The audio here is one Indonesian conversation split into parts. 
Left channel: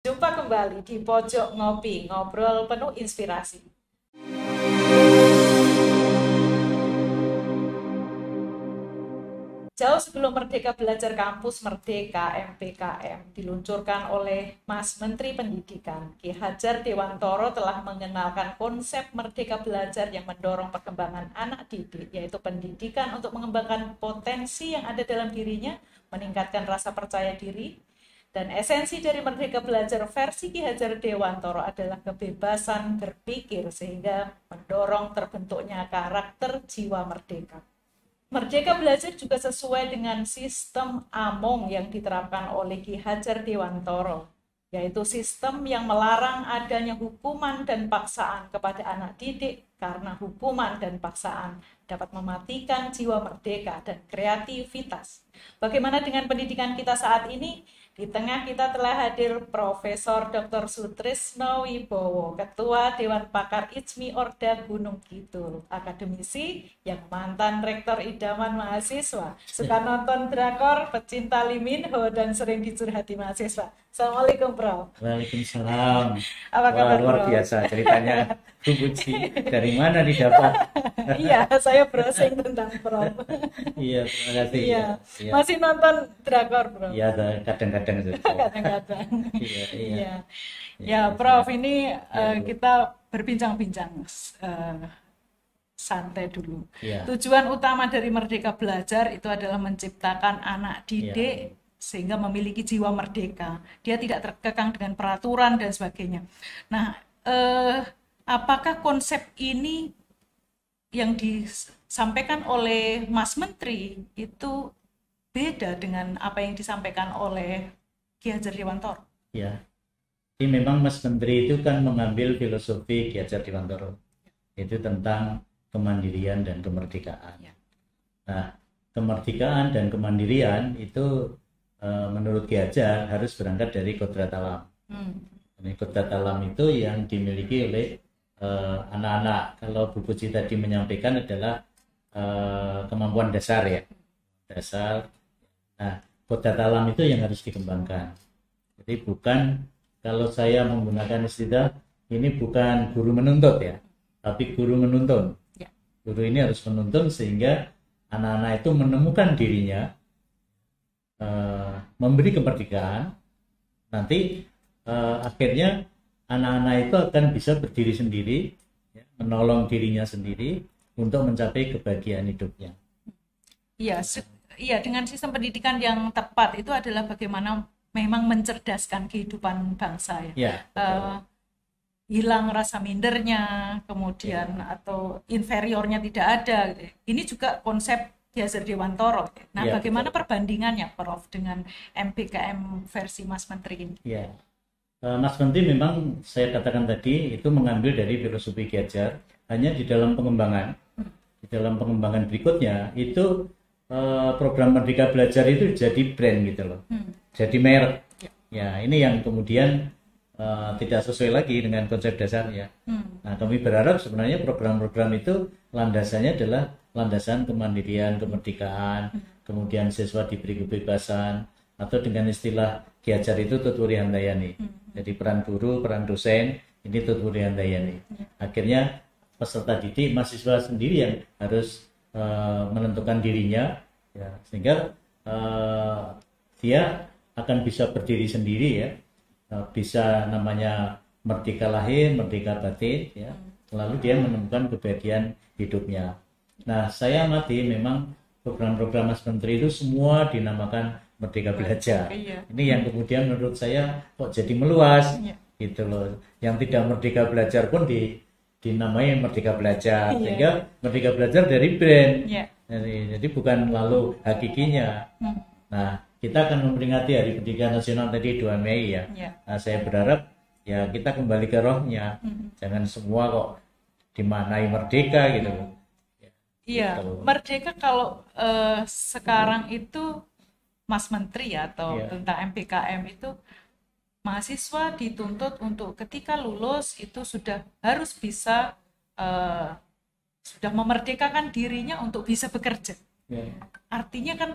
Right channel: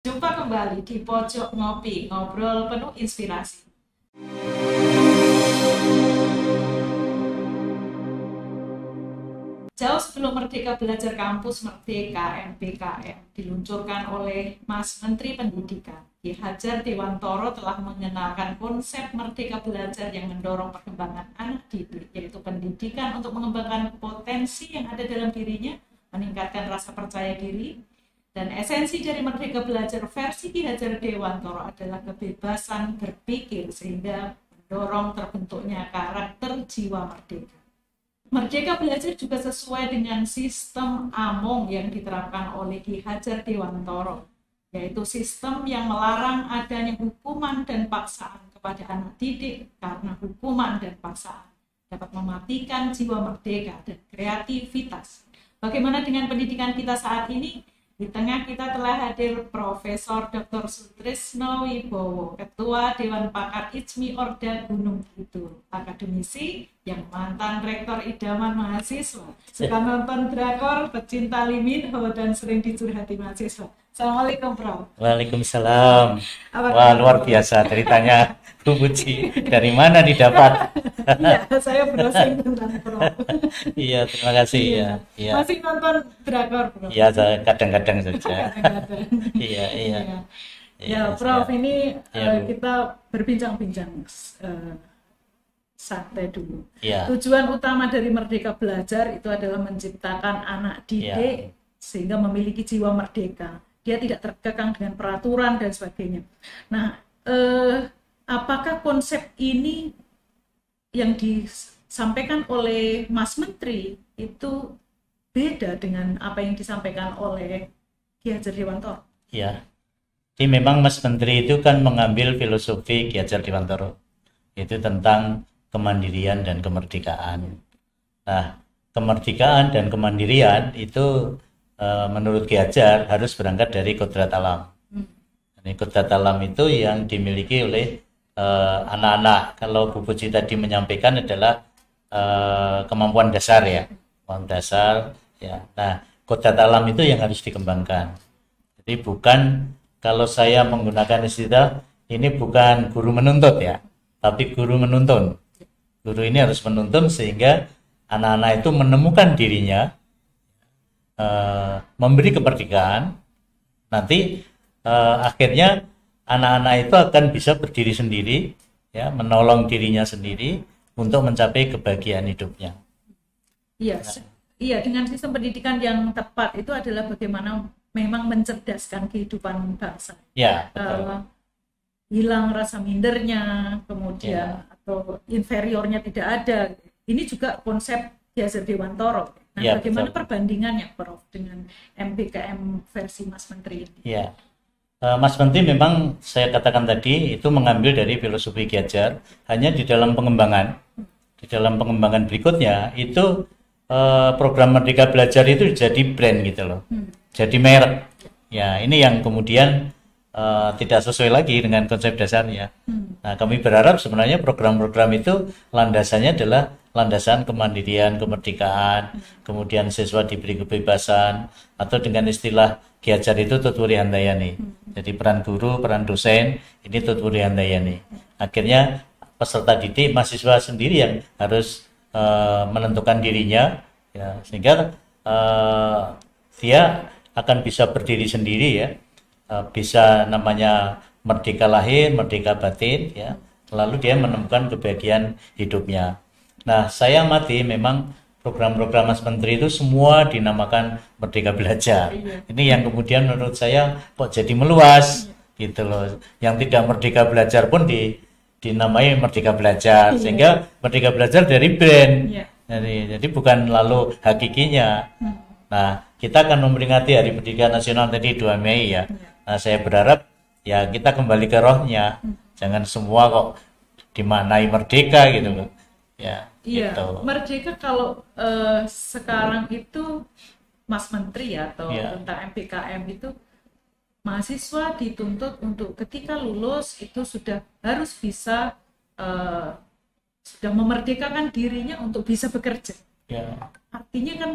Jumpa kembali di Pojok Ngopi, ngobrol penuh inspirasi. Jauh sebelum Merdeka Belajar Kampus Merdeka MPKM diluncurkan oleh Mas Menteri Pendidikan, Ki Hajar Dewantoro telah mengenalkan konsep Merdeka Belajar yang mendorong perkembangan anak didik, yaitu pendidikan untuk mengembangkan potensi yang ada dalam dirinya, meningkatkan rasa percaya diri. Dan esensi dari Merdeka Belajar versi Ki Hajar Dewantoro adalah kebebasan berpikir sehingga mendorong terbentuknya karakter jiwa merdeka. Merdeka Belajar juga sesuai dengan sistem AMONG yang diterapkan oleh Ki Hajar Dewantoro, yaitu sistem yang melarang adanya hukuman dan paksaan kepada anak didik karena hukuman dan paksaan dapat mematikan jiwa merdeka dan kreativitas. Bagaimana dengan pendidikan kita saat ini? Di tengah kita telah hadir Profesor Dr. Sutrisno Wibowo, Ketua Dewan Pakar IJMI Orda Gunung Kidul, akademisi yang mantan rektor idaman mahasiswa, suka nonton drakor, pecinta Lee Min Ho, dan sering dicurhati mahasiswa. Assalamualaikum, Prof. Waalaikumsalam. Apa Wah, kabar, luar Prof? biasa ceritanya Bu Puji. Dari mana didapat? Iya, saya browsing tentang Prof. Iya, terima kasih Iya, ya. Iya, masih nonton drakor, Prof? iya, kadang-kadang saja. Kadang-kadang. Iya, iya. Iya. Iya, Ya, Prof, siap. ini Iya, Bu. kita berbincang-bincang santai dulu. Iya, Tujuan utama dari Merdeka Belajar itu adalah menciptakan anak iya, didik sehingga memiliki jiwa merdeka. Dia tidak terkekang dengan peraturan dan sebagainya. Nah, apakah konsep ini yang disampaikan oleh Mas Menteri itu beda dengan apa yang disampaikan oleh Ki Hajar Dewantoro? iya. Jadi memang Mas Menteri itu kan mengambil filosofi Ki Hajar Dewantoro. Itu tentang kemandirian dan kemerdekaan. Nah, kemerdekaan dan kemandirian itu menurut Ki Hajar harus berangkat dari kodrat alam. Ini kodrat alam itu yang dimiliki oleh anak-anak. Kalau Bu Puji tadi menyampaikan adalah kemampuan dasar ya, kemampuan dasar ya. Nah, kodrat alam itu yang harus dikembangkan. Jadi bukan, kalau saya menggunakan istilah ini, bukan guru menuntut ya, tapi guru menuntun. Ya. Guru ini harus menuntun sehingga anak-anak itu menemukan dirinya, memberi kemerdekaan. Nanti akhirnya anak-anak itu akan bisa berdiri sendiri, ya, menolong dirinya sendiri untuk mencapai kebahagiaan hidupnya. Iya, iya, dengan sistem pendidikan yang tepat itu adalah bagaimana memang mencerdaskan kehidupan bangsa ya. Ya, betul. Hilang rasa mindernya, kemudian atau inferiornya tidak ada. Ini juga konsep Ki Hajar Dewantoro. Nah, Ya, bagaimana betul. perbandingannya, Prof, dengan MPKM versi Mas Menteri ini? Ya. Mas Menteri memang saya katakan tadi itu mengambil dari filosofi Ki Hajar, hanya di dalam pengembangan. Di dalam pengembangan berikutnya itu program Merdeka Belajar itu jadi brand gitu loh. Jadi merek. Ya, ini yang kemudian tidak sesuai lagi dengan konsep dasarnya. Nah, kami berharap sebenarnya program-program itu landasannya adalah landasan kemandirian, kemerdekaan, kemudian siswa diberi kebebasan, atau dengan istilah Ki Hajar itu Tutwuri Handayani. Jadi peran guru, peran dosen, ini Tutwuri Handayani. Akhirnya peserta didik, mahasiswa sendiri yang harus menentukan dirinya, ya, sehingga dia akan bisa berdiri sendiri ya, bisa namanya merdeka lahir, merdeka batin ya, lalu dia menemukan kebahagiaan hidupnya. Nah, saya amati memang program-program Mas Menteri itu semua dinamakan Merdeka Belajar. Iya. Ini yang kemudian menurut saya kok jadi meluas gitu loh. Yang tidak Merdeka Belajar pun dinamai Merdeka Belajar, sehingga Merdeka Belajar dari brand. Iya. Jadi bukan lalu hakikinya. Nah, kita akan memperingati Hari Pendidikan Nasional tadi 2 Mei ya. Iya. Nah, saya berharap ya kita kembali ke rohnya. Jangan semua kok dimaknai merdeka gitu loh. Ya, Iya, gitu. merdeka kalau sekarang itu Mas Menteri atau Iya. tentang MPKM itu mahasiswa dituntut untuk ketika lulus itu sudah harus bisa sudah memerdekakan dirinya untuk bisa bekerja. Ya. Artinya kan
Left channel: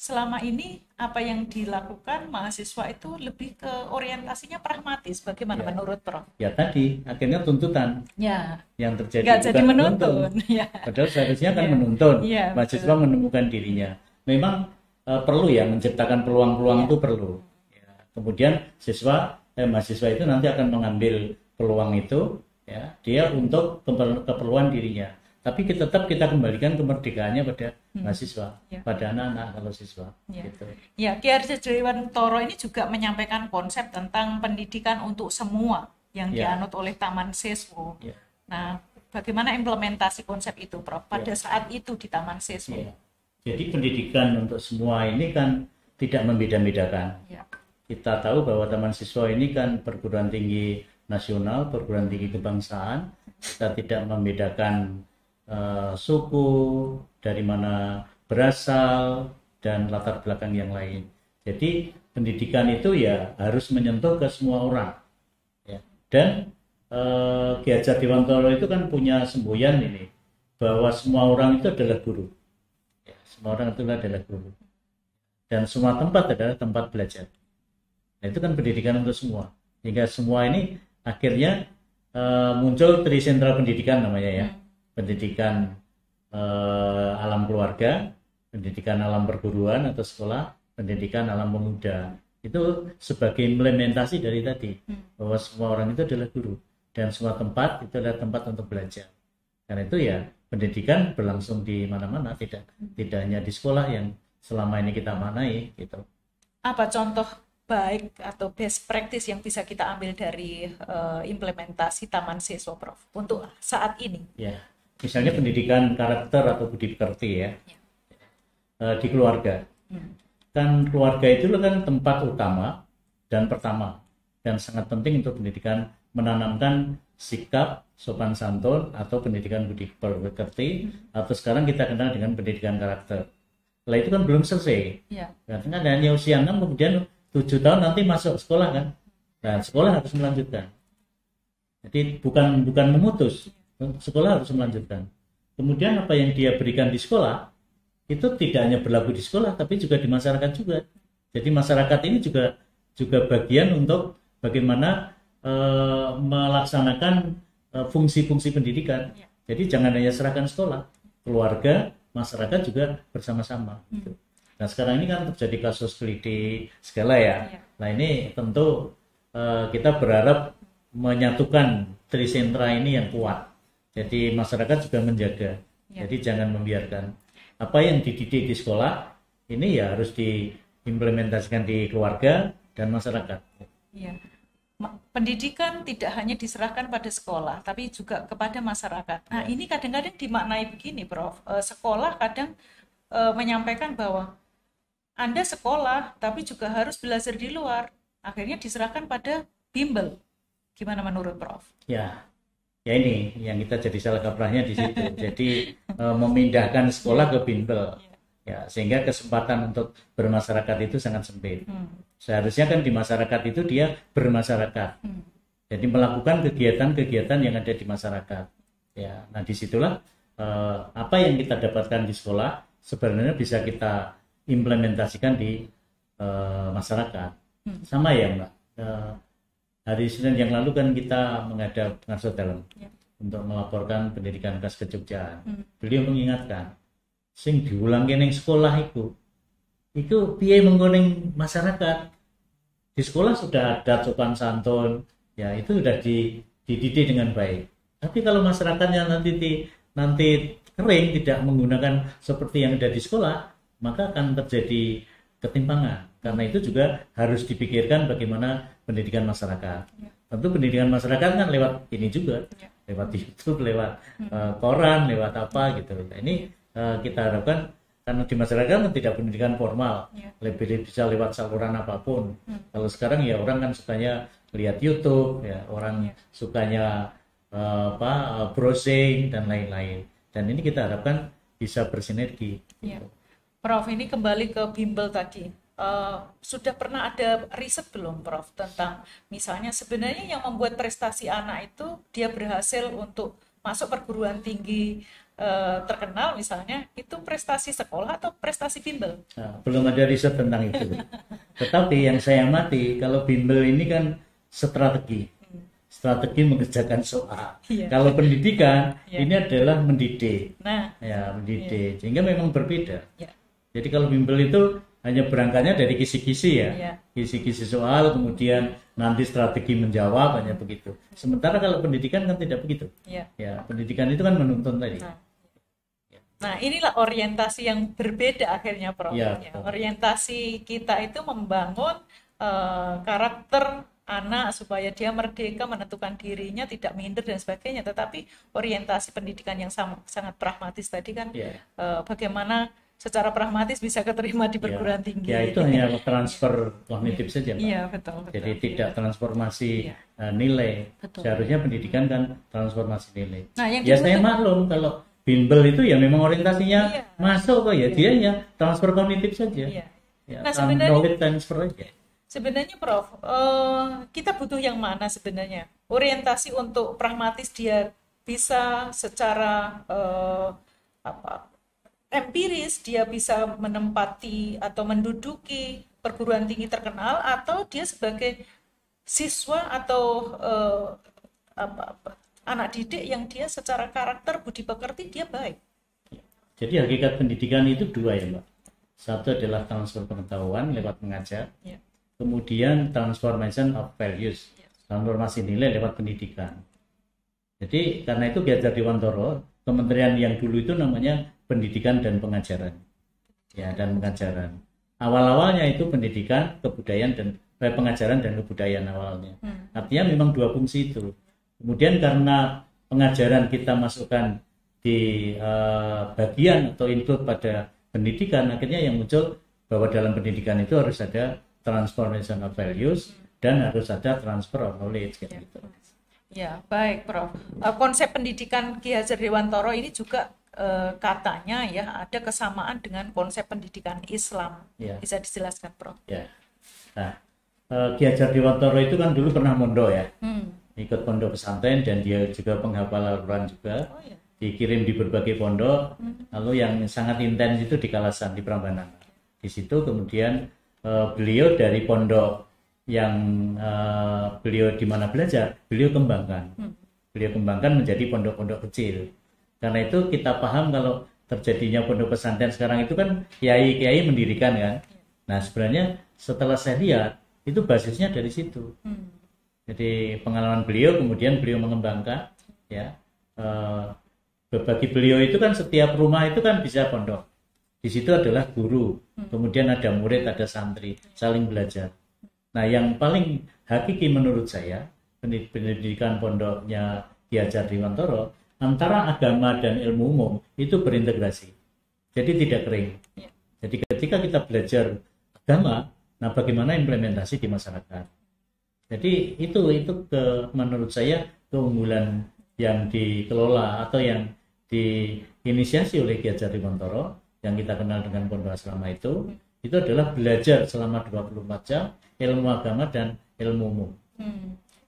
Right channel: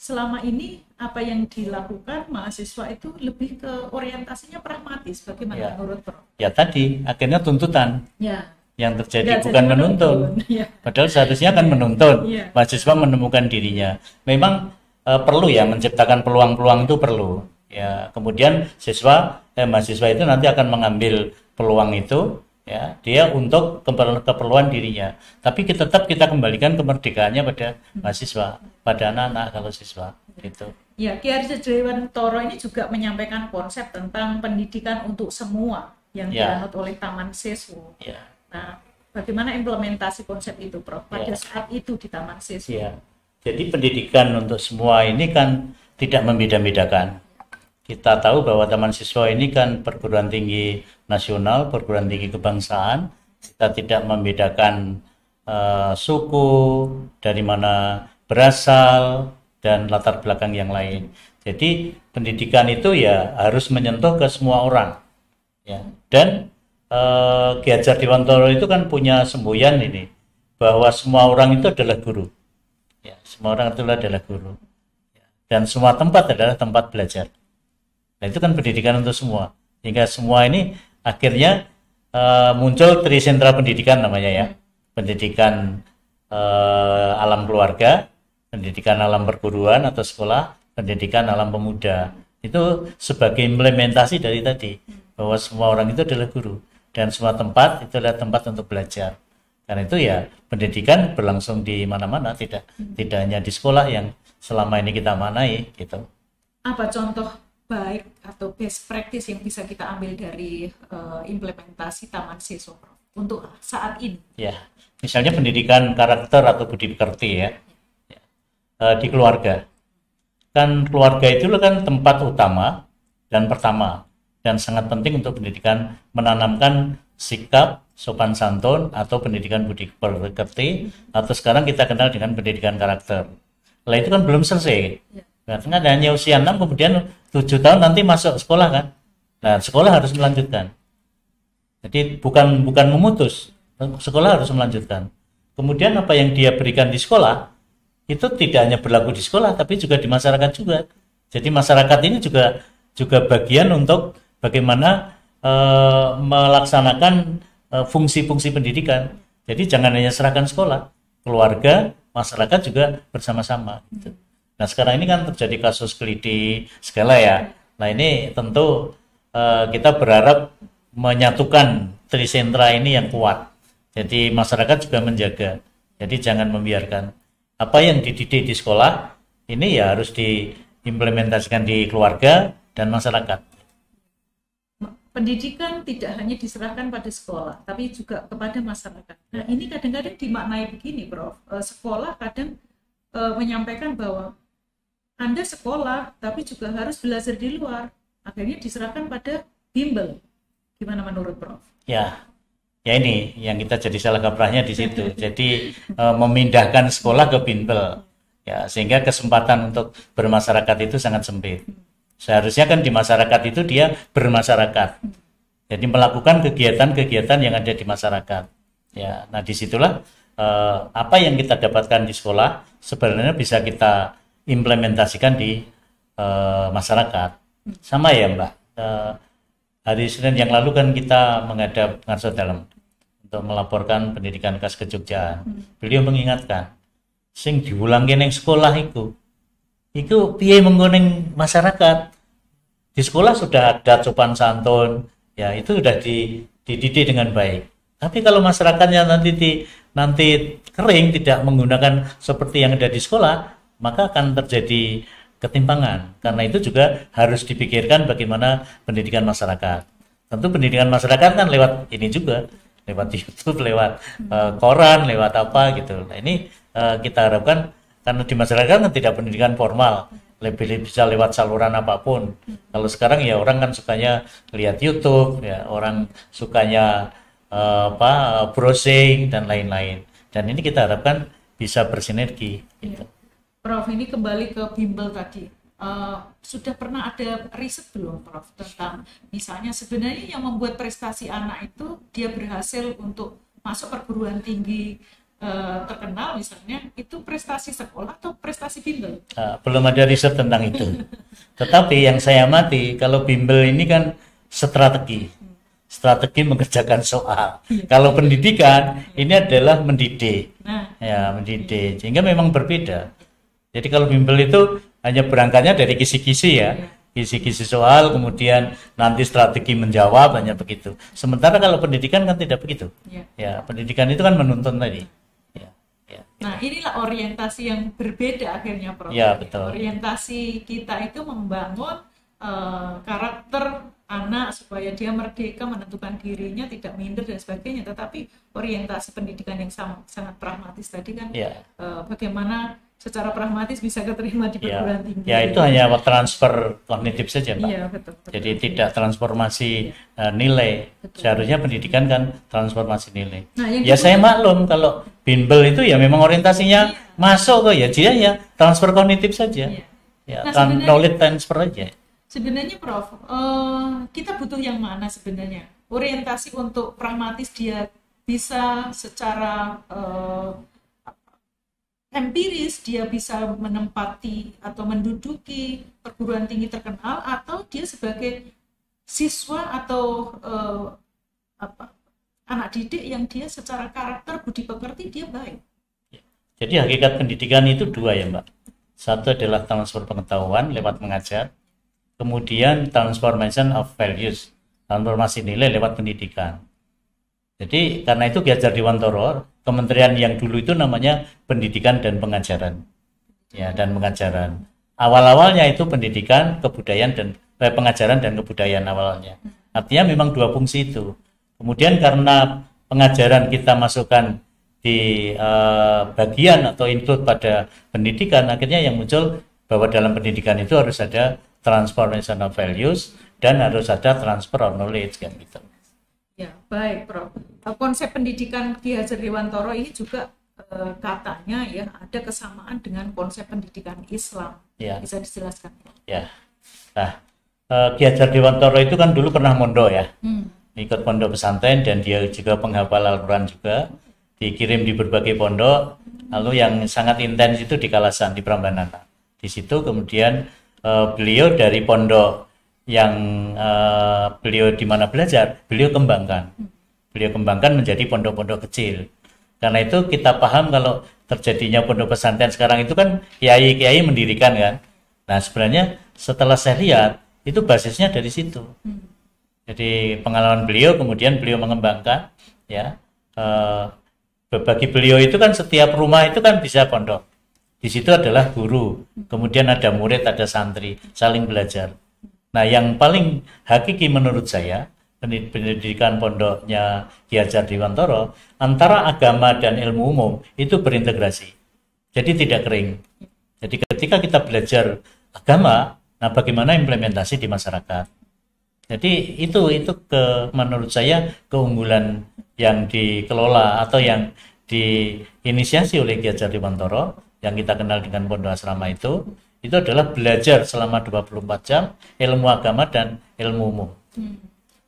selama ini apa yang dilakukan mahasiswa itu lebih ke orientasinya pragmatis. Bagaimana menurut Prof? Ya tadi akhirnya tuntutan Ya, yang terjadi nggak bukan jadi menuntun. Ya. Padahal seharusnya kan menuntun. Iya, Mahasiswa menemukan dirinya. Memang perlu ya menciptakan peluang-peluang itu perlu. Ya, kemudian mahasiswa itu nanti akan mengambil peluang itu ya, dia untuk keperluan dirinya. Tapi tetap kita kembalikan kemerdekaannya pada mahasiswa, pada anak-anak kalau siswa gitu. Ya, Ki Hajar Dewantoro ini juga menyampaikan konsep tentang pendidikan untuk semua yang dianut oleh Taman Siswa. Nah, bagaimana implementasi konsep itu, Prof, pada saat itu di Taman Siswa? Jadi pendidikan untuk semua ini kan tidak membeda-bedakan. Kita tahu bahwa Taman Siswa ini kan perguruan tinggi nasional, perguruan tinggi kebangsaan. Kita tidak membedakan suku, dari mana berasal, dan latar belakang yang lain. Jadi pendidikan itu ya harus menyentuh ke semua orang. Ya. Dan Ki Hajar Dewantoro itu kan punya semboyan ini, bahwa semua orang itu adalah guru. Ya, semua orang itu adalah guru. Dan semua tempat adalah tempat belajar. Nah, itu kan pendidikan untuk semua. Sehingga semua ini akhirnya muncul trisentra pendidikan namanya ya. Pendidikan alam keluarga, pendidikan alam perguruan atau sekolah, pendidikan alam pemuda. Itu sebagai implementasi dari tadi, bahwa semua orang itu adalah guru. Dan semua tempat itu adalah tempat untuk belajar. Karena itu ya pendidikan berlangsung di mana-mana, tidak hanya di sekolah yang selama ini kita manai gitu. Apa contoh baik atau best practice yang bisa kita ambil dari implementasi Taman Siswa, Prof, untuk saat ini? Ya, misalnya pendidikan karakter atau budi pekerti ya. Di keluarga. Kan keluarga itu kan tempat utama dan pertama, dan sangat penting untuk pendidikan, menanamkan sikap sopan santun atau pendidikan budi pekerti, atau sekarang kita kenal dengan pendidikan karakter. Lah itu kan belum selesai. Karena hanya usia 6, kemudian 7 tahun nanti masuk sekolah kan. Nah, sekolah harus melanjutkan. Jadi bukan memutus, sekolah harus melanjutkan. Kemudian apa yang dia berikan di sekolah itu tidak hanya berlaku di sekolah, tapi juga di masyarakat juga. Jadi masyarakat ini juga bagian untuk bagaimana melaksanakan fungsi-fungsi pendidikan. Jadi jangan hanya serahkan sekolah, keluarga, masyarakat juga bersama-sama. Gitu. Nah sekarang ini kan terjadi kasus keliti segala ya. Nah ini tentu kita berharap menyatukan trisentra ini yang kuat. Jadi masyarakat juga menjaga. Jadi jangan membiarkan apa yang dididik di sekolah ini ya harus diimplementasikan di keluarga dan masyarakat. Ya. Pendidikan tidak hanya diserahkan pada sekolah, tapi juga kepada masyarakat. Nah, ini kadang-kadang dimaknai begini, Prof. Sekolah kadang menyampaikan bahwa Anda sekolah, tapi juga harus belajar di luar. Akhirnya diserahkan pada bimbel. Gimana menurut Prof? Ya ini yang kita jadi salah kaprahnya di situ. Jadi memindahkan sekolah ke bimbel. Ya, sehingga kesempatan untuk bermasyarakat itu sangat sempit. Seharusnya kan di masyarakat itu dia bermasyarakat. Jadi melakukan kegiatan-kegiatan yang ada di masyarakat. Ya, nah disitulah apa yang kita dapatkan di sekolah sebenarnya bisa kita implementasikan di masyarakat. Sama ya Mbak. Hari Senin yang lalu kan kita menghadap Ngarso Dalem untuk melaporkan pendidikan khas Kejogjaan. Beliau mengingatkan, sing diulangi ning sekolah itu piye menggoning masyarakat. Di sekolah sudah ada sopan santun, ya itu sudah dididik dengan baik. Tapi kalau masyarakatnya nanti kering, tidak menggunakan seperti yang ada di sekolah, maka akan terjadi ketimpangan. Karena itu juga harus dipikirkan bagaimana pendidikan masyarakat. Tentu pendidikan masyarakat kan lewat ini juga, lewat YouTube, lewat koran, lewat apa gitu. Nah ini kita harapkan, karena di masyarakat kan tidak pendidikan formal, lebih bisa lewat saluran apapun. Kalau sekarang ya orang kan sukanya lihat YouTube, ya orang sukanya browsing dan lain-lain. Dan ini kita harapkan bisa bersinergi. Gitu. Prof, ini kembali ke bimbel tadi. Sudah pernah ada riset belum, Prof, tentang misalnya sebenarnya yang membuat prestasi anak itu dia berhasil untuk masuk perguruan tinggi terkenal misalnya, itu prestasi sekolah atau prestasi bimbel? Belum ada riset tentang itu. Tetapi yang saya amati, kalau bimbel ini kan strategi mengerjakan soal. Iya. Kalau pendidikan Iya. ini adalah mendidik, Nah, ya mendidik. Sehingga memang berbeda. iya. Jadi kalau bimbel itu hanya berangkatnya dari kisi-kisi ya, Iya. kisi-kisi soal, kemudian nanti strategi menjawab, hanya begitu. Sementara kalau pendidikan kan tidak begitu. Iya. Ya, pendidikan itu kan menuntun tadi. Nah. Ya, ya. Nah, inilah orientasi yang berbeda akhirnya, Prof. Ya, betul. Orientasi kita itu membangun karakter anak supaya dia merdeka menentukan dirinya, tidak minder dan sebagainya. Tetapi orientasi pendidikan yang sangat pragmatis tadi kan, Ya. Bagaimana secara pragmatis bisa keterima di perguruan tinggi. Ya, itu hanya transfer kognitif saja, Pak. Iya, betul. Jadi tidak transformasi Iya. nilai. Betul. Seharusnya pendidikan kan transformasi nilai. Nah, yang Ya saya maklum kalau bimbel itu ya memang orientasinya Iya. masuk kok ya, dia ya transfer kognitif saja. Iya. Ya, Nah, sebenarnya- knowledge transfer aja. Sebenarnya, Prof, kita butuh yang mana sebenarnya? Orientasi untuk pragmatis dia bisa secara empiris, dia bisa menempati atau menduduki perguruan tinggi terkenal, atau dia sebagai siswa atau anak didik yang dia secara karakter budi pekerti dia baik. Jadi hakikat pendidikan itu dua ya, Mbak. Satu adalah transfer pengetahuan lewat mengajar. Ya. Kemudian transformation of values, transformasi nilai lewat pendidikan. Jadi karena itu Ki Hajar Dewantara, kementerian yang dulu itu namanya Pendidikan dan Pengajaran. Ya, dan pengajaran. Awal-awalnya itu pendidikan, kebudayaan dan pengajaran dan kebudayaan awalnya. Artinya memang dua fungsi itu. Kemudian karena pengajaran kita masukkan di bagian atau include pada pendidikan, akhirnya yang muncul bahwa dalam pendidikan itu harus ada transformation of values dan harus ada transfer of knowledge kan gitu. Ya, baik, Prof. Konsep pendidikan Ki Hajar Dewantara ini juga katanya ya ada kesamaan dengan konsep pendidikan Islam. Ya. Bisa dijelaskan, Prof? Ya. Nah, Ki Hajar Dewantara itu kan dulu pernah mondok ya. Ikut pondok pesantren dan dia juga penghafal Al-Quran juga. Oh, ya. Dikirim di berbagai pondok. Lalu yang sangat intens itu di Kalasan, di Prambanan. Di situ kemudian beliau dari pondok yang beliau di mana belajar, beliau kembangkan menjadi pondok-pondok kecil. Karena itu kita paham kalau terjadinya pondok pesantren sekarang itu kan kiai-kiai mendirikan kan. Nah sebenarnya setelah saya lihat itu basisnya dari situ. Jadi pengalaman beliau kemudian beliau mengembangkan ya. Bagi beliau itu kan setiap rumah itu kan bisa pondok. Di situ adalah guru, kemudian ada murid, ada santri, saling belajar. Nah, yang paling hakiki menurut saya, pendidikan pondoknya Ki Hajar Dewantara, antara agama dan ilmu umum itu berintegrasi. Jadi tidak kering. Jadi ketika kita belajar agama, nah bagaimana implementasi di masyarakat. Jadi itu menurut saya keunggulan yang dikelola atau yang diinisiasi oleh Ki Hajar Dewantara yang kita kenal dengan pondok asrama itu adalah belajar selama 24 jam ilmu agama dan ilmu umum.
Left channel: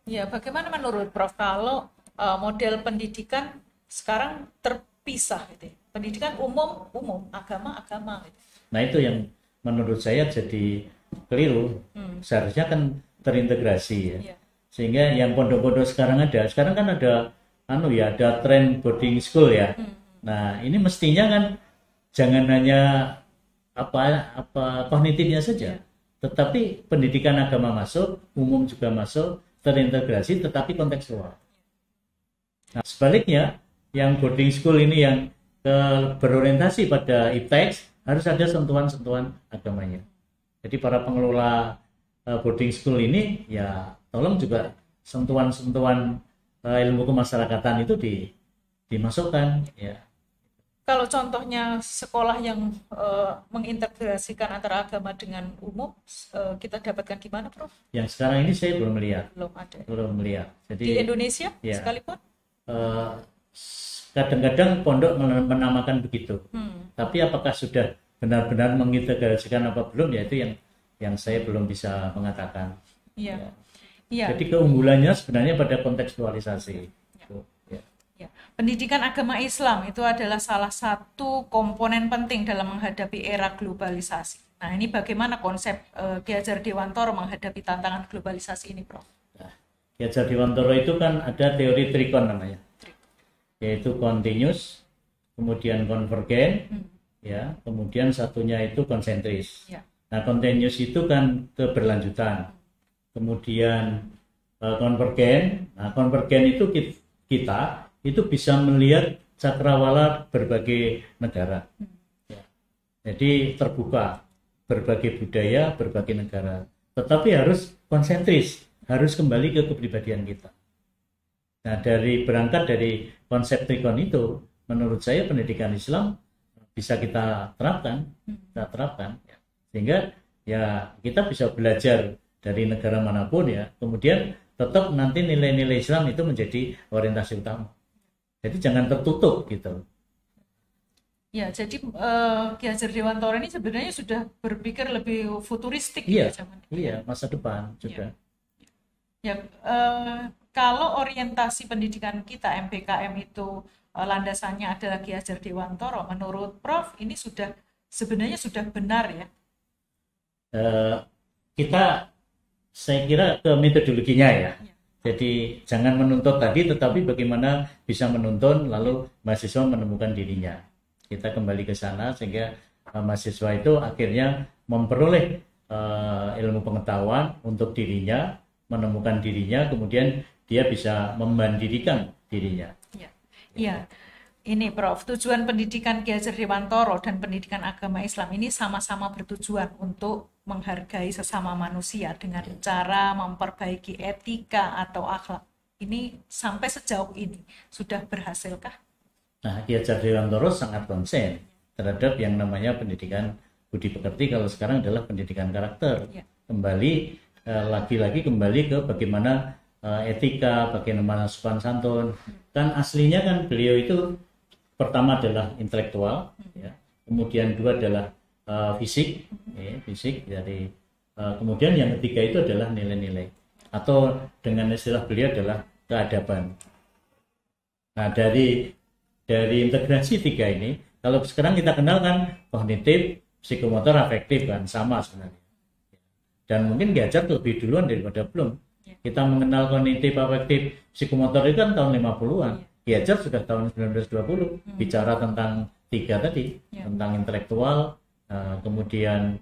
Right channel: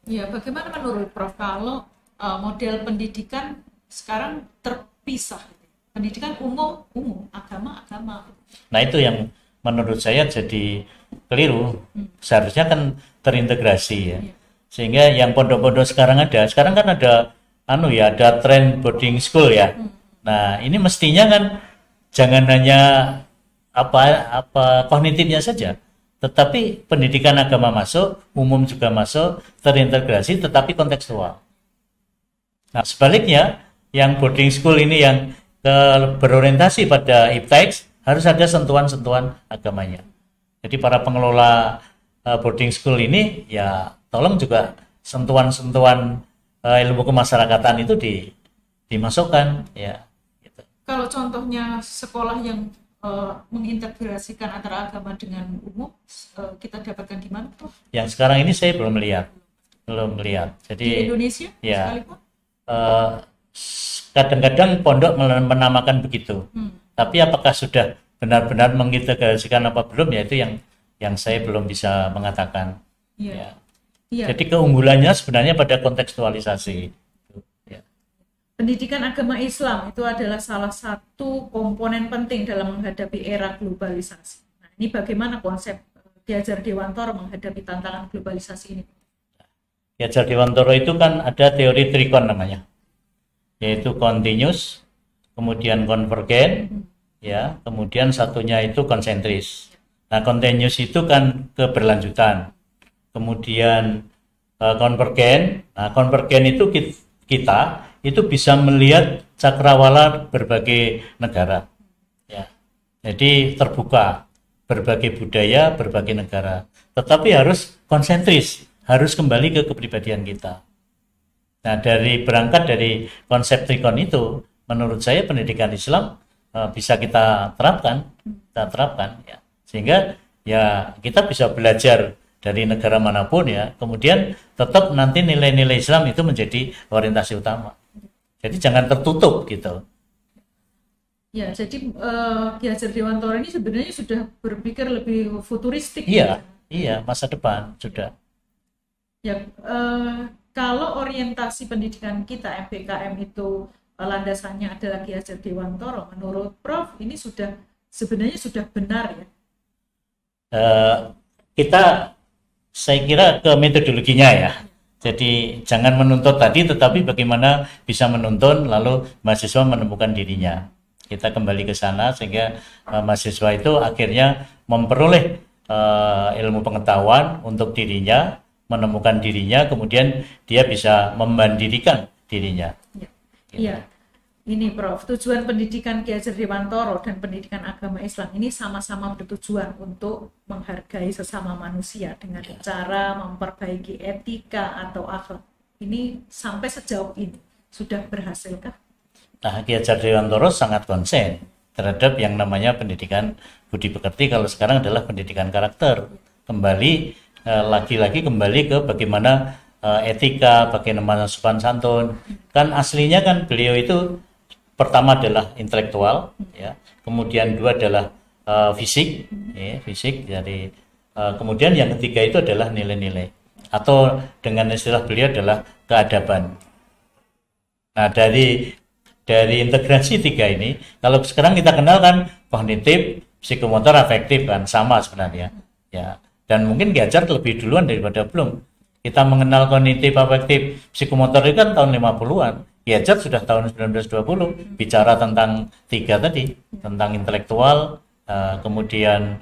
Ya, bagaimana menurut Prof kalau model pendidikan sekarang terpisah gitu? Pendidikan umum, agama. Gitu. Nah, itu yang menurut saya jadi keliru. Seharusnya kan terintegrasi ya. Ya. Sehingga yang pondok-pondok sekarang kan ada ada tren boarding school ya. Nah, ini mestinya kan jangan hanya apa kognitifnya saja, tetapi pendidikan agama masuk, umum juga masuk, terintegrasi tetapi kontekstual. Nah, sebaliknya yang boarding school ini yang berorientasi pada iptex harus ada sentuhan-sentuhan agamanya. Jadi para pengelola boarding school ini ya tolong juga sentuhan-sentuhan ilmu kemasyarakatan itu dimasukkan ya. Kalau contohnya sekolah yang mengintegrasikan antara agama dengan umum, kita dapatkan di mana, Prof? Yang sekarang ini saya belum melihat. Belum ada. Jadi di Indonesia ya, sekalipun? Kadang-kadang pondok menamakan begitu. Tapi apakah sudah benar-benar mengintegrasikan apa belum? Ya itu yang saya belum bisa mengatakan. Iya. Ya. Ya. Jadi keunggulannya sebenarnya pada kontekstualisasi. Ya. pendidikan agama Islam itu adalah salah satu komponen penting dalam menghadapi era globalisasi. Nah, ini bagaimana konsep Ki Hajar Dewantoro menghadapi tantangan globalisasi ini, Prof? Ki Hajar Dewantoro itu kan ada teori trikon namanya, yaitu continuous, kemudian konvergen, ya, kemudian satunya itu konsentris. Nah, continuous itu kan keberlanjutan, kemudian konvergen. Nah, konvergen itu kita itu bisa melihat cakrawala berbagai negara, ya. Jadi terbuka, berbagai budaya, berbagai negara. Tetapi harus konsentris, harus kembali ke kepribadian kita. Nah, berangkat dari konsep trikon itu, menurut saya pendidikan Islam bisa kita terapkan, ya. Sehingga ya kita bisa belajar dari negara manapun, ya. Kemudian tetap nanti nilai-nilai Islam itu menjadi orientasi utama. Jadi jangan tertutup gitu. Ya, jadi Ki Hajar Dewantoro ini sebenarnya sudah berpikir lebih futuristik. Iya, iya, masa depan sudah. Ya, kalau orientasi pendidikan kita MPKM itu landasannya adalah Ki Hajar Dewantoro, menurut Prof ini sebenarnya sudah benar ya? Saya kira ke metodologinya ya. Jadi jangan menuntut tadi, tetapi bagaimana bisa menuntun lalu mahasiswa menemukan dirinya. Kita kembali ke sana sehingga mahasiswa itu akhirnya memperoleh ilmu pengetahuan untuk dirinya, menemukan dirinya, kemudian dia bisa memandirikan dirinya. Iya. Ini Prof, tujuan pendidikan Ki Hajar Dewantoro dan pendidikan agama Islam ini sama-sama bertujuan untuk menghargai sesama manusia dengan cara memperbaiki etika atau akhlak. Ini sampai sejauh ini sudah berhasilkah? Nah, Ki Hajar Dewantoro sangat konsen terhadap yang namanya pendidikan budi pekerti, kalau sekarang adalah pendidikan karakter. Kembali lagi-lagi kembali ke bagaimana etika, bagaimana sopan santun. Kan aslinya kan beliau itu pertama adalah intelektual, ya. Kemudian dua adalah fisik, ya, fisik. Jadi kemudian yang ketiga itu adalah nilai-nilai, atau dengan istilah beliau adalah keadaban. Nah, dari integrasi tiga ini, kalau sekarang kita kenal kan kognitif, psikomotor, afektif kan sama sebenarnya, ya. Dan mungkin Ki Hajar lebih duluan daripada belum. Kita mengenal kognitif, afektif, psikomotor itu kan tahun 50-an. Ki Hajar sudah tahun 1920 bicara tentang tiga tadi, tentang intelektual, kemudian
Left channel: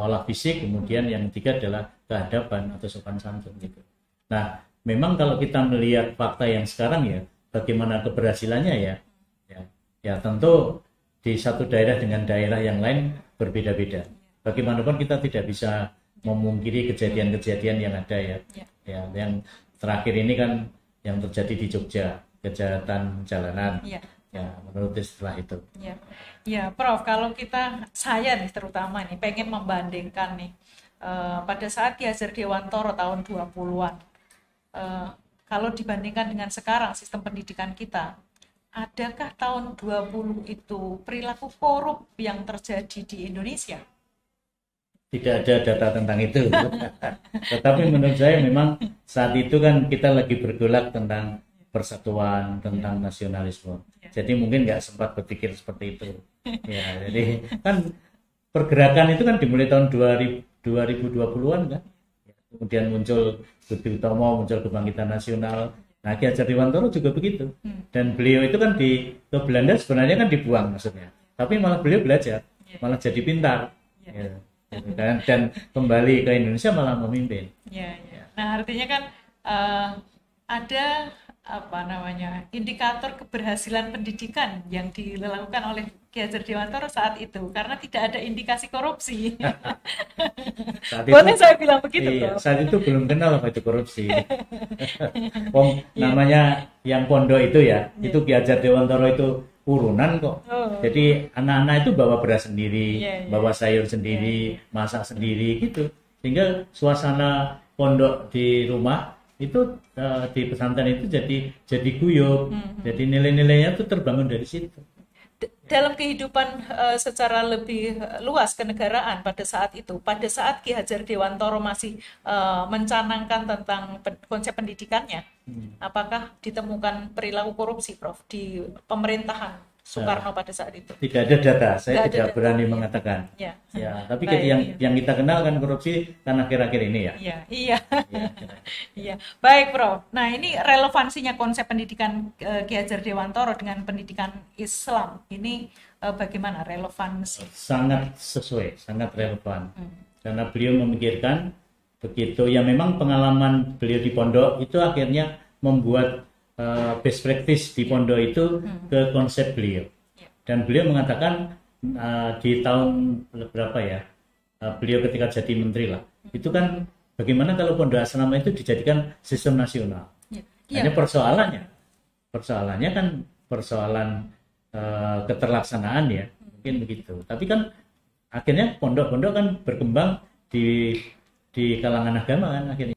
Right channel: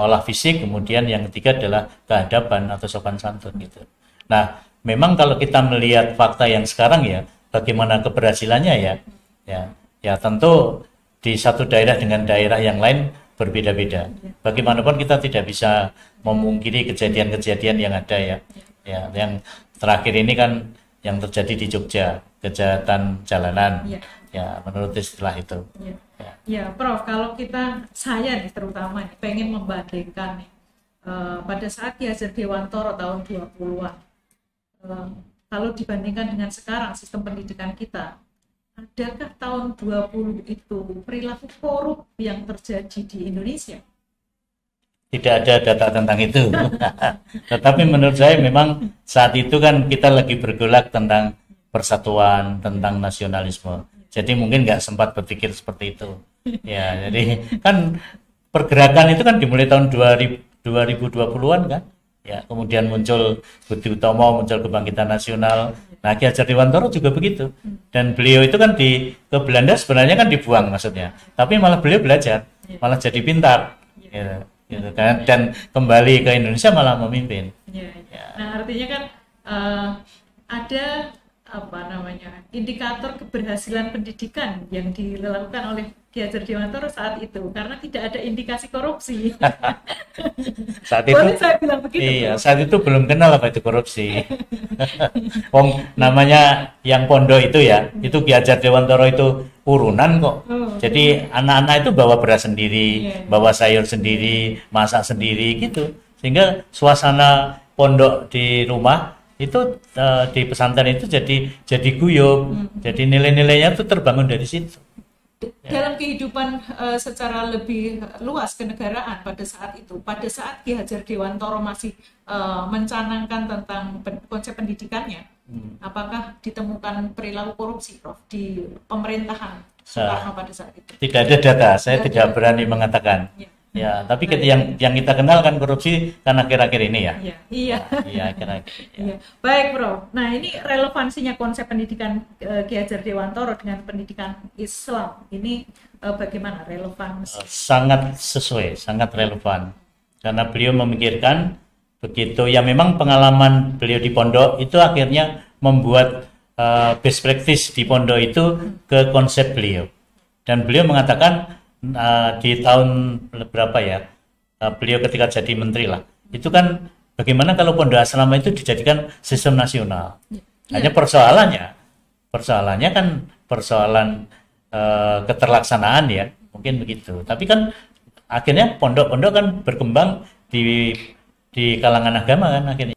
olah fisik, kemudian yang ketiga adalah keadaban atau sopan santun gitu. Nah, memang kalau kita melihat fakta yang sekarang ya, bagaimana keberhasilannya ya tentu di satu daerah dengan daerah yang lain berbeda-beda. Bagaimanapun kita tidak bisa memungkiri kejadian-kejadian yang ada ya. Ya, yang terakhir ini kan yang terjadi di Jogja, kejahatan jalanan, ya menurut istilah itu. Ya, Prof, kalau saya nih terutama nih pengen membandingkan nih pada saat Ki Hajar Dewantoro tahun 20-an, kalau dibandingkan dengan sekarang sistem pendidikan kita, adakah tahun 20 itu perilaku korup yang terjadi di Indonesia? Tidak ada data tentang itu. Tetapi menurut saya memang saat itu kan kita lagi bergolak tentang persatuan, tentang nasionalisme. Jadi mungkin nggak sempat berpikir seperti itu. Ya, jadi kan pergerakan itu kan dimulai tahun 2020-an kan. Ya, kemudian muncul Budi Utomo, muncul Kebangkitan Nasional. Nah, Ki Hajar Dewantoro juga begitu. Dan beliau itu kan ke Belanda sebenarnya kan dibuang maksudnya. Tapi malah beliau belajar, malah jadi pintar. Gitu kan, dan kembali ke Indonesia malah memimpin. Nah, artinya kan ada indikator keberhasilan pendidikan yang dilakukan oleh Ki Hajar Dewantoro saat itu, karena tidak ada indikasi korupsi. Saat itu, boleh saya bilang begitu? Iya, saat itu belum kenal apa itu korupsi. Namanya yang pondok itu ya, itu Ki Hajar Dewantoro itu urunan kok. Jadi anak-anak itu bawa beras sendiri, bawa sayur sendiri, masak sendiri gitu. Sehingga suasana pondok di rumah itu di pesantren itu jadi guyub. Jadi nilai-nilainya itu terbangun dari situ. Dalam kehidupan secara lebih luas kenegaraan pada saat itu, pada saat Ki Hajar Dewantoro masih mencanangkan tentang konsep pendidikannya, apakah ditemukan perilaku korupsi, Prof, di pemerintahan Soekarno pada saat itu? Tidak ada data, saya tidak berani mengatakan. Ya, tapi yang kita kenal kan korupsi kan akhir-akhir ini ya. Iya. Iya. Baik, Prof. Nah, ini relevansinya konsep pendidikan Ki Hajar Dewantoro dengan pendidikan Islam ini bagaimana relevan? Sangat sesuai, sangat relevan. Karena beliau memikirkan begitu ya, memang pengalaman beliau di pondok itu akhirnya membuat best practice di pondok itu ke konsep beliau, dan beliau mengatakan di tahun berapa ya, beliau ketika jadi menteri lah, itu kan bagaimana kalau pondok asrama itu dijadikan sistem nasional. Hanya persoalannya kan persoalan keterlaksanaan ya, mungkin begitu. Tapi kan akhirnya pondok-pondok kan berkembang di kalangan agama kan akhirnya.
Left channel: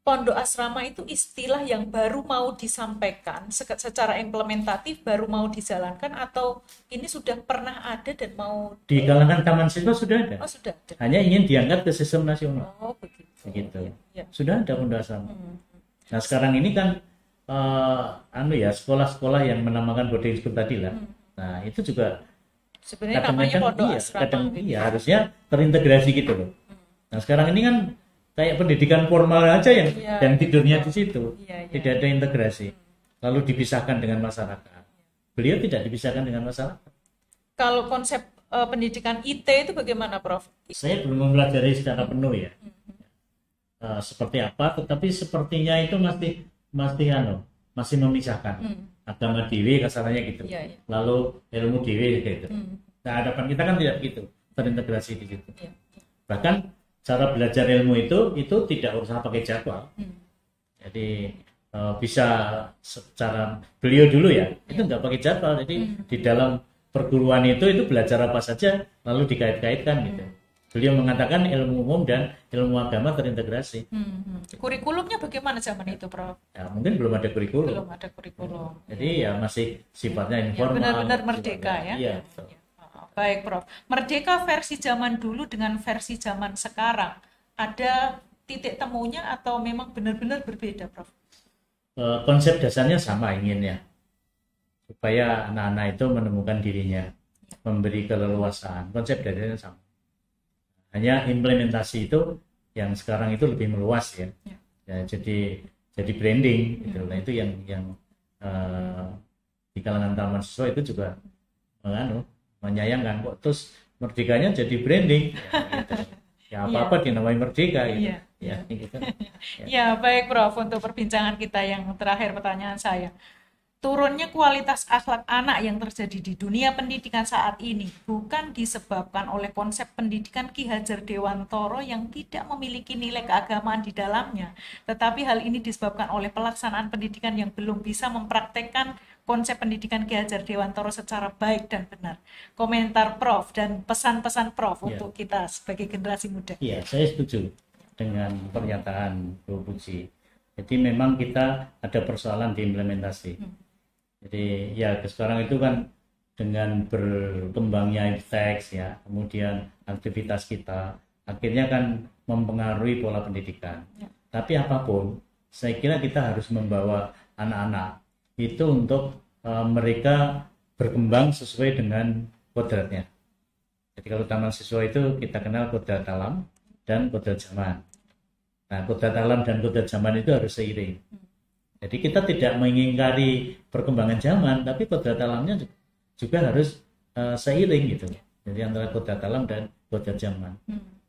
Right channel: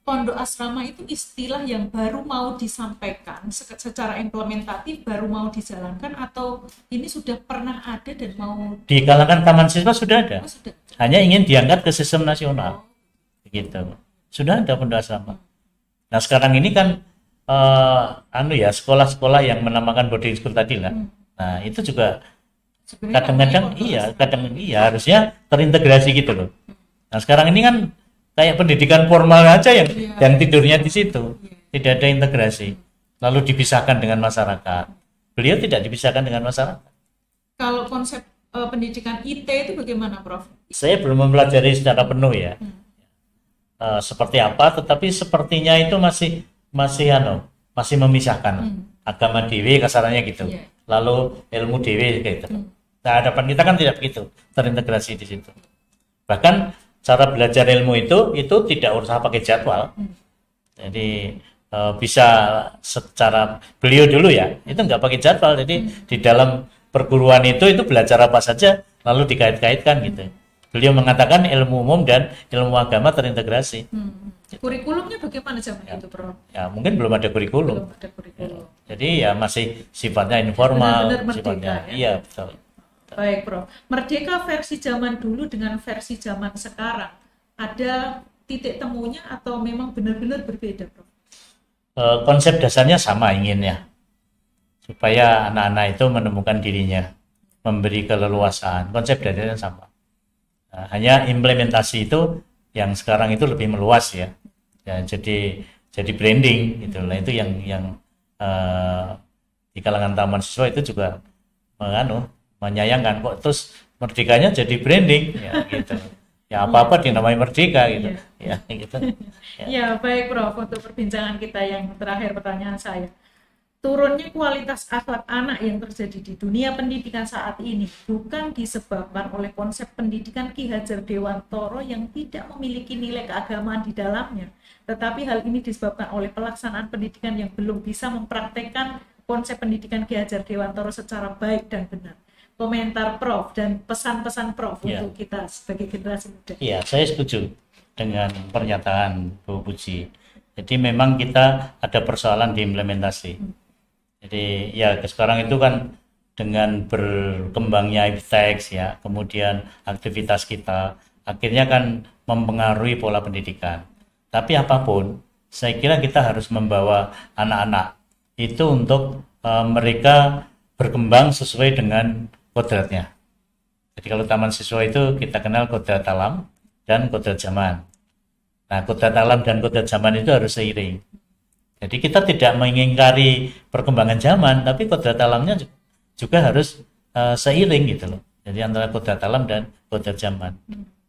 Pondok asrama itu istilah yang baru mau disampaikan secara implementatif, baru mau dijalankan, atau ini sudah pernah ada dan mau di kalangan taman siswa sudah ada. Sudah ada. Hanya ingin diangkat ke sistem nasional. Begitu. Sudah ada pondok asrama. Nah, sekarang ini kan sekolah-sekolah yang menamakan boarding school tadi lah. Nah, itu juga kadang-kadang harusnya terintegrasi gitu loh. Nah, sekarang ini kan kayak pendidikan formal aja yang tidurnya di situ, tidak ada integrasi, lalu dipisahkan dengan masyarakat. Beliau tidak dipisahkan dengan masyarakat. Kalau konsep pendidikan IT itu bagaimana, Prof? Saya belum mempelajari secara penuh ya, seperti apa, tetapi sepertinya itu masih memisahkan agama dewe kasarannya gitu, lalu ilmu dewe gitu. Nah, hadapan kita kan tidak begitu, terintegrasi di situ. Bahkan cara belajar ilmu itu tidak usah pakai jadwal. Jadi bisa secara beliau dulu ya, itu nggak pakai jadwal. Jadi di dalam perguruan itu belajar apa saja lalu dikait-kaitkan gitu. Beliau mengatakan ilmu umum dan ilmu agama terintegrasi. Kurikulumnya bagaimana zaman itu, Prof? Ya, mungkin belum ada kurikulum. Jadi ya masih sifatnya informal. Benar-benar merdeka ya. Iya, betul. Baik, Prof. Merdeka versi zaman dulu dengan versi zaman sekarang, ada titik temunya atau memang benar-benar berbeda, Prof? Konsep dasarnya sama inginnya, supaya anak-anak itu menemukan dirinya, memberi keleluasaan. Konsep dasarnya sama. Nah, hanya implementasi itu yang sekarang itu lebih meluas ya. Jadi branding itulah itu yang di kalangan taman siswa itu juga menyayangkan kok terus merdekanya jadi branding ya gitu. Ya apa-apa dinamai merdeka gitu. Ya gitu. Ya, baik, Prof, untuk perbincangan kita yang terakhir, pertanyaan saya. Turunnya kualitas akhlak anak yang terjadi di dunia pendidikan saat ini bukan disebabkan oleh konsep pendidikan Ki Hajar Dewantoro yang tidak memiliki nilai keagamaan di dalamnya, tetapi hal ini disebabkan oleh pelaksanaan pendidikan yang belum bisa mempraktekkan konsep pendidikan Ki Hajar Dewantoro secara baik dan benar. Komentar Prof dan pesan-pesan Prof untuk kita sebagai generasi muda. Iya, saya setuju dengan pernyataan Bu Puji. Jadi memang kita ada persoalan di implementasi. Jadi ya sekarang itu kan dengan berkembangnya iptek ya, kemudian aktivitas kita akhirnya kan mempengaruhi pola pendidikan. Tapi apapun, saya kira kita harus membawa anak-anak itu untuk mereka berkembang sesuai dengan kodratnya. Jadi kalau taman siswa itu kita kenal kodrat alam dan kodrat zaman. Nah, kodrat alam dan kodrat zaman itu harus seiring. Jadi kita tidak mengingkari perkembangan zaman, tapi kodrat alamnya juga harus seiring gitu loh. Jadi antara kodrat alam dan kodrat zaman.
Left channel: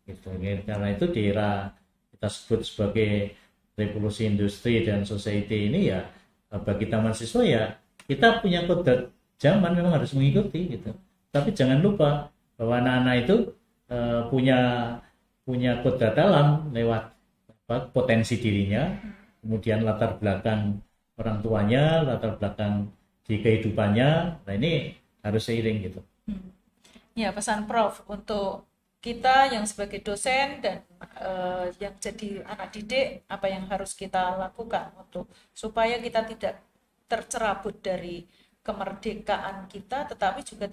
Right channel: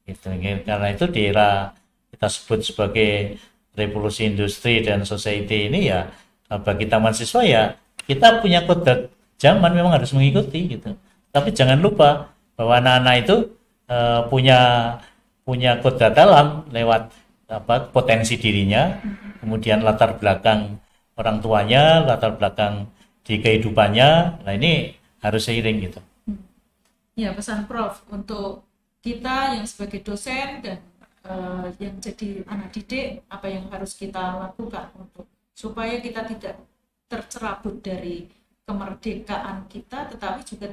Gitu. Karena itu di era kita sebut sebagai revolusi industri dan society ini ya, bagi taman siswa ya kita punya kodrat zaman memang harus mengikuti gitu. Tapi jangan lupa bahwa anak-anak itu punya kodrat alam lewat potensi dirinya, kemudian latar belakang orang tuanya, latar belakang di kehidupannya. Nah, ini harus seiring gitu. Ya, pesan Prof untuk kita yang sebagai dosen dan yang jadi anak didik, apa yang harus kita lakukan untuk supaya kita tidak tercerabut dari kemerdekaan kita, tetapi juga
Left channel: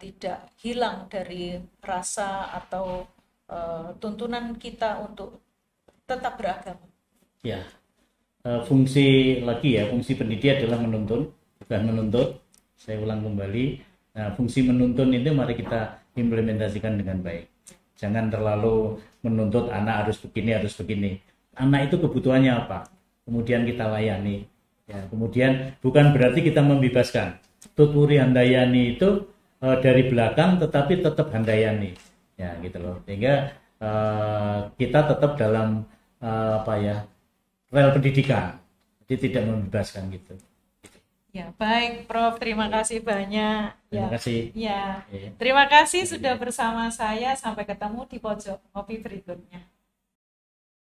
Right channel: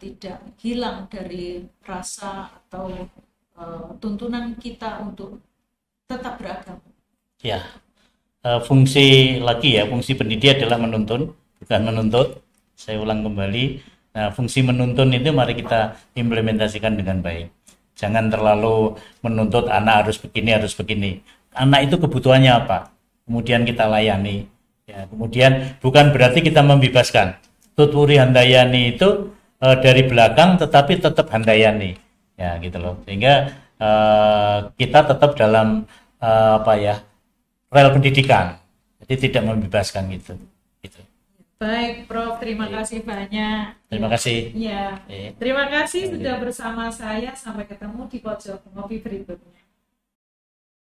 tidak hilang dari rasa atau tuntunan kita untuk tetap beragama. Ya, fungsi lagi ya, fungsi pendidik adalah menuntun, bukan menuntut. Saya ulang kembali. Nah, fungsi menuntun itu mari kita implementasikan dengan baik. Jangan terlalu menuntut anak harus begini. Anak itu kebutuhannya apa? Kemudian kita layani. Ya, kemudian bukan berarti kita membebaskan. Tuturi handayani itu dari belakang tetapi tetap handayani. Ya, gitu loh. Sehingga kita tetap dalam rel pendidikan. Jadi tidak membebaskan gitu. Ya, baik Prof, terima kasih banyak. Terima kasih. Ya, terima kasih sudah bersama saya. Sampai ketemu di pojok ngopi berikutnya.